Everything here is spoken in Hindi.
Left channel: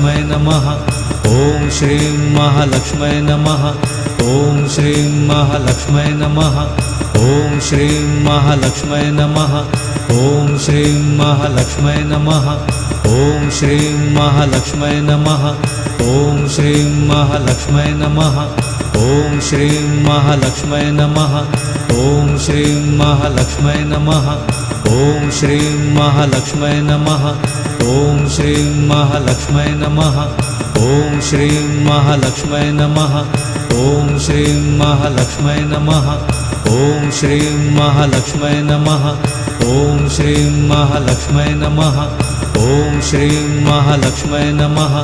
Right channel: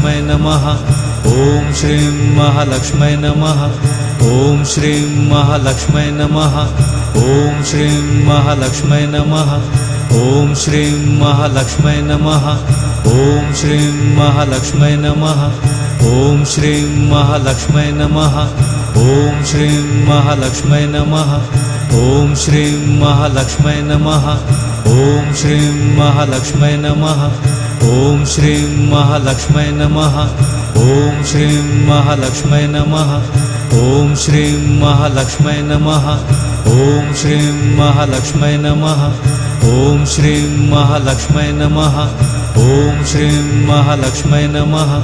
महालक्ष्मै नमः ॐ श्रीं महालक्ष्मै नमः ॐ श्रीं महालक्ष्मै नमः ॐ श्रीं महालक्ष्मै नमः ॐ श्रीं महालक्ष्मै नमः ॐ श्रीं महालक्ष्मै नमः ॐ श्रीं महालक्ष्मै नमः ॐ श्रीं महालक्ष्मै नमः ॐ श्रीं महालक्ष्मै नमः ॐ श्रीं महालक्ष्मै नमः ॐ श्रीं महालक्ष्मै नमः ॐ श्रीं महालक्ष्मै नमः ॐ श्रीं महालक्ष्मै नमः ॐ श्रीं महालक्ष्मै नमः ॐ श्रीं महालक्ष्मै नमः ॐ श्रीं महालक्ष्मै नमः